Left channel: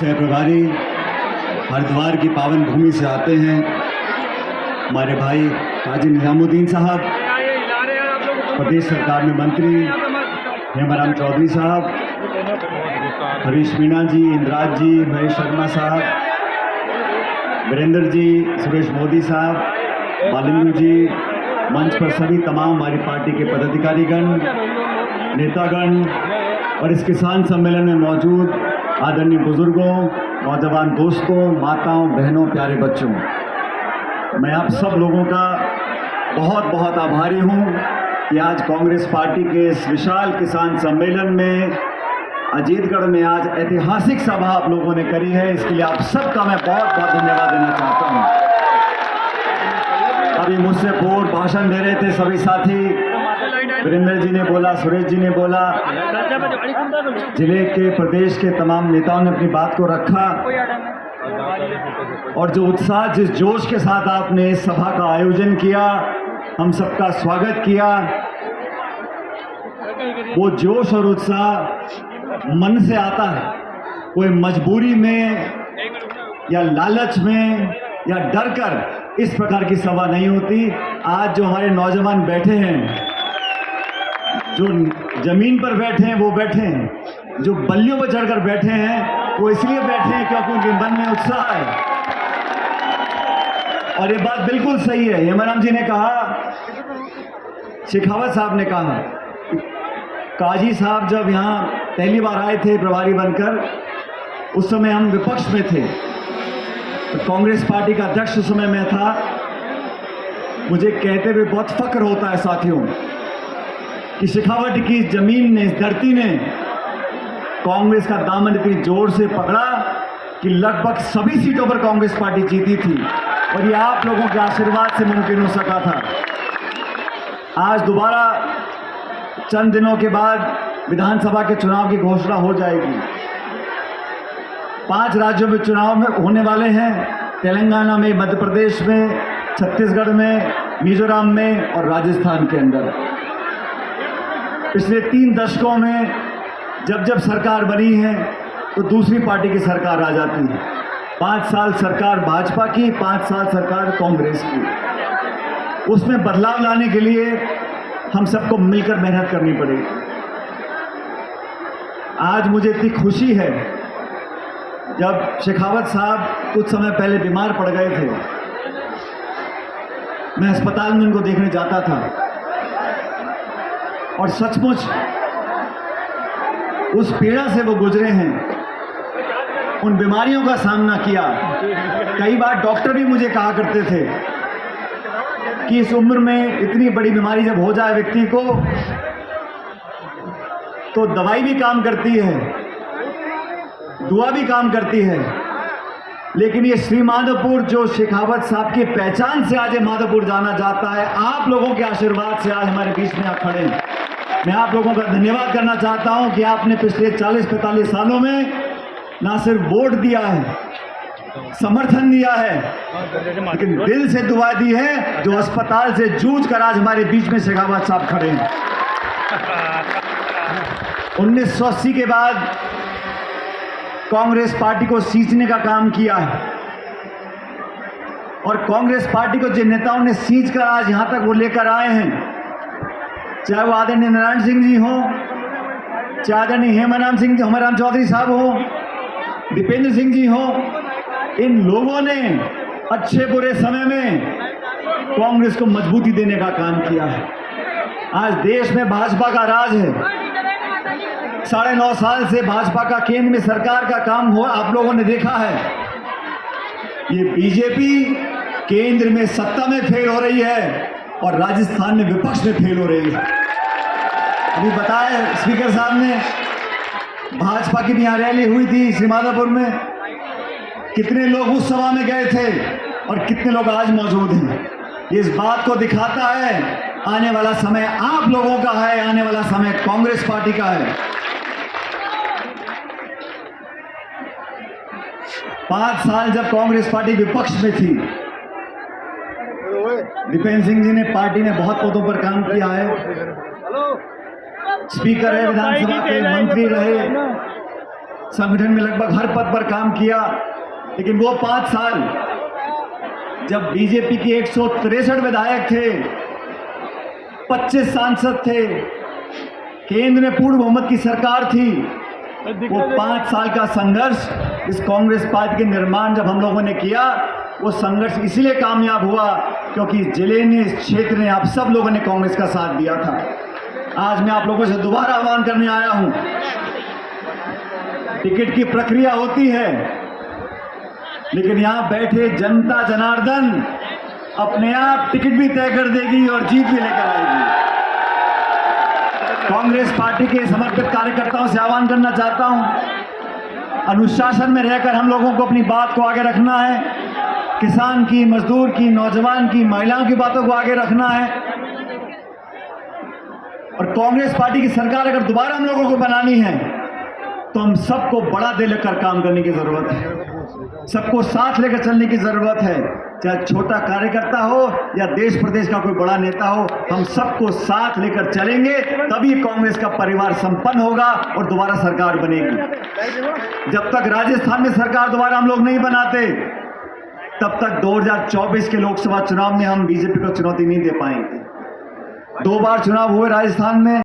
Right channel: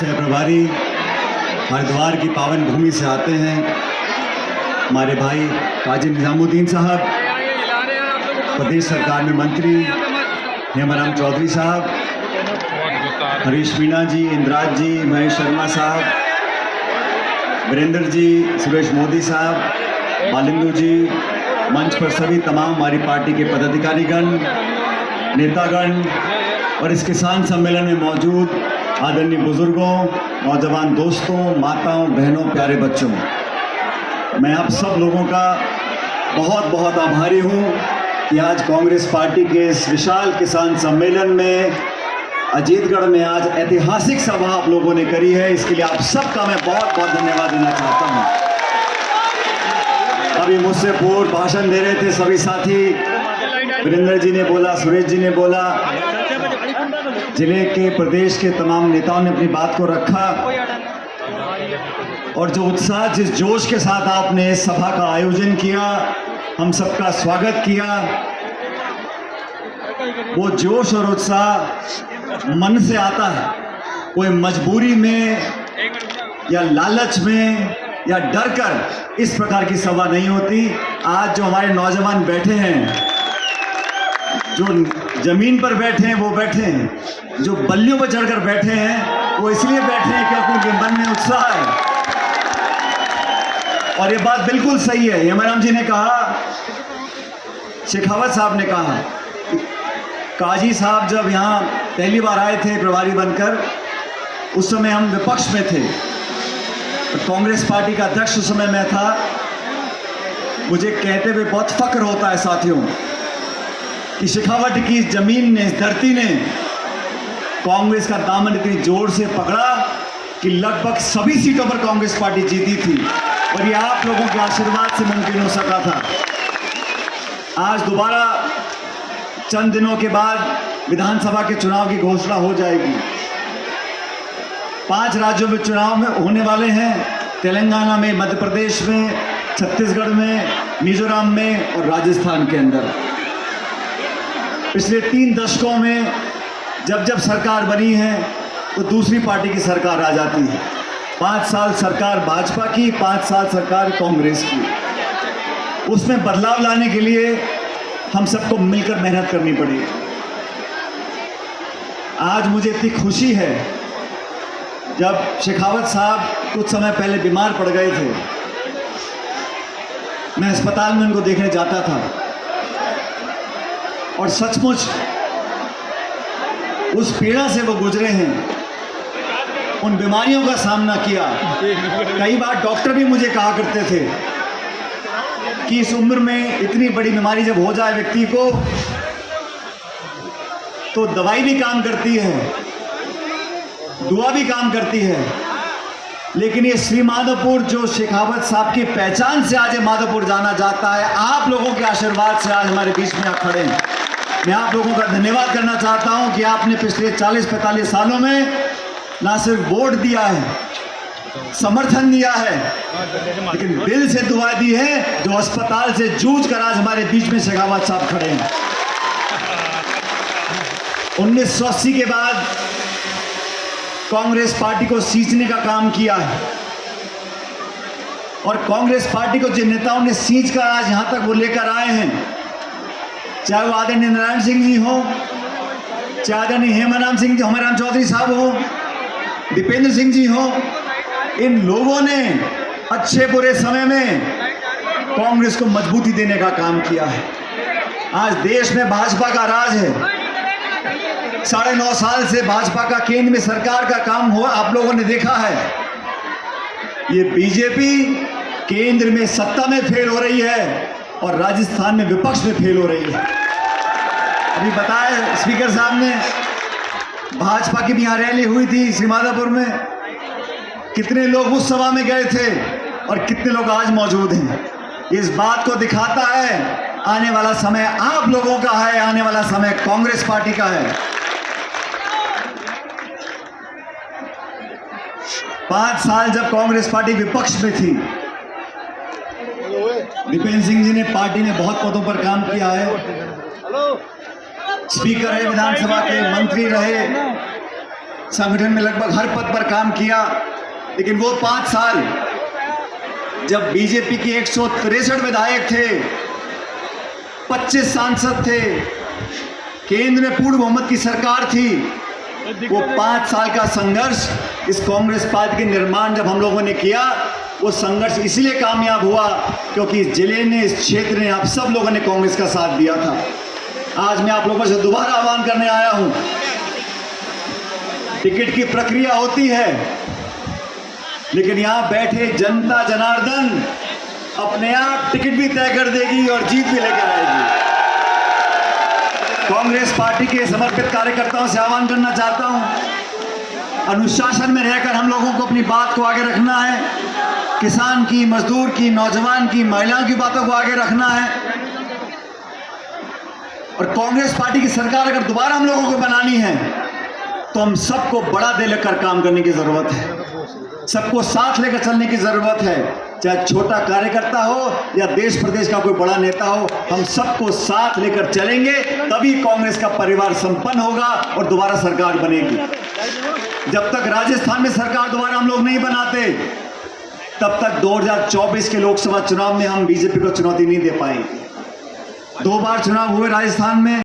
सह प्रभारी हरिद्वार की पावन भूमि से आते हैं, हमारे भाई काजी निजामुद्दीन साहब, प्रदेश सरकार में मंत्री हेमाराम चौधरी साहब, हरीश मीणा जी, इंद्राज जी, महेश शर्मा साहब, वीरेंद्र जी, सुरेश मोदी साहब, बालिंदु जी, मंच पर सभी तमाम हमारी पार्टी के पदाधिकारीगण, नेतागण और इस किसान सम्मेलन में मौजूद आदरणीय बुजुर्गों, नौजवान दोस्तों, माताओं, बहनों, प्यारे बच्चों, मैं आप सब लोगों का बहुत बहुत आभारी हूँ कि आज कांग्रेस पार्टी के इस विशाल किसान सम्मेलन में अजीतगढ़ में आज ऐतिहासिक सभा आप लोगों ने करी है। इसके लिए आप सबका मैं बहुत बहुत धन्यवाद देना चाहता हूँ। अभी मुझसे पूर्व भाषण दे रहे थे सभी साथी, वीरेंद्र जी ने बोला, सुरेश जी ने बोला, जिले के प्रदेश के तमाम नेताओं ने अपनी बात को रखा और जो उत्साह, जिस जोश के साथ आपने इस सभा का आयोजन किया, हम सबका स्वागत किया, वो जोश और उत्साह मन से आता है। कोई मजबूरी में या लालच में या डर कर इस प्रकार की सभा नहीं होती। आज जो हमारे नौजवान बैठे हैं, जो जमीन पर बैठे हैं वो बैठे हैं, जो बल्लियों पर चढ़कर बैठे हैं वो इसलिए बैठे हैं क्योंकि उनके मन में उत्साह है। और ये बात बिल्कुल सही है। हेमाराम जी ने कहा, शेखावत साहब ने कहा, काजी साहब जब यहाँ पहली बार आए थे प्रभारी बनकर, उस समय हम विपक्ष में थे, तो कांग्रेस पार्टी का अध्यक्ष उस समय मैं था। मुझे कहते हुए बहुत फक्र होता है साथियों कि शेखावत की जमीन ने, इस धरती ने कांग्रेस का दामन इतनी जोर से पकड़ा कि लगभग सभी सीटों पर कांग्रेस पार्टी जीती थी और ये आप लोगों के आशीर्वाद से मुमकिन हो सका था। आज दोबारा चंद दिनों के बाद विधानसभा के चुनाव की घोषणा हो जाएगी। 5 राज्यों में चुनाव होने वाले हैं, तेलंगाना में, मध्य प्रदेश में, छत्तीसगढ़ में, मिजोरम में और राजस्थान के अंदर। पिछले 3 दशकों में जब जब सरकार बनी है तो दूसरी पार्टी की सरकार आ जाती है। 5 साल सरकार भाजपा की, 5 साल सरकार कांग्रेस की। उसमें बदलाव लाने के लिए हम सबको मिलकर मेहनत करनी पड़ेगी। आज मुझे इतनी खुशी है, जब शेखावत साहब कुछ समय पहले बीमार पड़ गए थे, मैं अस्पताल में उनको देखने जाता था और सचमुच उस पीड़ा से वो गुजरे हैं, उन बीमारियों का सामना किया। कई बार डॉक्टर भी मुझे कहा करते थे कि इस उम्र में इतनी बड़ी बीमारी जब हो जाए व्यक्ति को, तो दवाई भी काम करती है, दुआ भी काम करती है, लेकिन ये श्री माधोपुर जो शेखावत साहब की पहचान से आज माधोपुर जाना जाता है, आप लोगों के आशीर्वाद से आज हमारे बीच में आप खड़े हैं। मैं आप लोगों का धन्यवाद करना चाहता हूं कि आपने पिछले 40-45 सालों में ना सिर्फ वोट दिया है, समर्थन दिया है, लेकिन दिल से दुआ दी है। जो अस्पताल से जूझ कर आज हमारे बीच में शेखावत साहब खड़े हैं। 1980 के बाद कांग्रेस पार्टी को सींचने का काम किया और कांग्रेस पार्टी को जिन नेताओं ने सींच कर आज यहां तक वो लेकर आए हैं, चाहे वो आदरणीय नारायण सिंह जी हो, चाहे आदरणीय हेमाराम सिंह जी, हेमाराम चौधरी साहब हो, दीपेंद्र सिंह जी हो, इन लोगों ने अच्छे बुरे समय में कांग्रेस को मजबूती देने का काम किया है। आज देश में भाजपा का राज है। 9.5 साल से भाजपा का केंद्र में सरकार का काम हुआ, आप लोगों ने देखा है। ये बीजेपी केंद्र में सत्ता में फेल हो रही है और राजस्थान में विपक्ष में फेल हो रही है। अभी बताया स्पीकर साहब ने, भाजपा की भी यहाँ रैली हुई थी श्री माधोपुर में, कितने लोग उस सभा में गए थे और कितने लोग आज मौजूद हैं। इस बात को दिखाता है आने वाला समय आप लोगों का है, आने वाला समय कांग्रेस पार्टी का है। 5 साल जब कांग्रेस पार्टी विपक्ष में थी, दीपेंद्र सिंह जी ने पार्टी में बहुत पदों पर काम किया है। स्पीकर है विधानसभा के, मंत्री रहे, संगठन में लगभग हर पद पर काम किया, लेकिन वो 5 साल जब बीजेपी के 163 विधायक थे, 25 सांसद थे, केंद्र में पूर्ण बहुमत की सरकार थी, वो 5 साल का संघर्ष, इस कांग्रेस पार्टी के निर्माण जब हम लोगों ने किया, वो संघर्ष इसलिए कामयाब हुआ क्योंकि जिले ने, इस क्षेत्र ने, आप सब लोगों ने कांग्रेस का साथ दिया था। आज मैं आप लोगों से दोबारा आह्वान करने आया हूं। टिकट की प्रक्रिया होती है, लेकिन यहां बैठे जनता जनार्दन अपने आप टिकट भी तय कर देगी और जीत भी लेकर आएगी। कांग्रेस पार्टी के समर्पित कार्यकर्ताओं से आह्वान करना चाहता हूं, अनुशासन में रहकर हम लोगों को अपनी बात को आगे रखना है। किसान की, मजदूर की, नौजवान की, महिलाओं की बातों को आगे रखना है। और कांग्रेस पार्टी की सरकार अगर दोबारा हम लोगों को बनानी है तो हम सबको बड़ा दिल लेकर काम करने की जरूरत है, सबको साथ लेकर चलने की जरूरत है। चाहे छोटा कार्यकर्ता हो या देश प्रदेश का कोई बड़ा नेता हो, हम सबको साथ लेकर चलेंगे, तभी कांग्रेस का परिवार संपन्न होगा और दोबारा सरकार बनेगी। जब तक राजस्थान में सरकार दोबारा हम लोग नहीं बनाते, तब तक 2024 के लोकसभा चुनाव में हम बीजेपी को चुनौती नहीं दे पाएंगे। 2 बार चुनाव हुए राजस्थान में।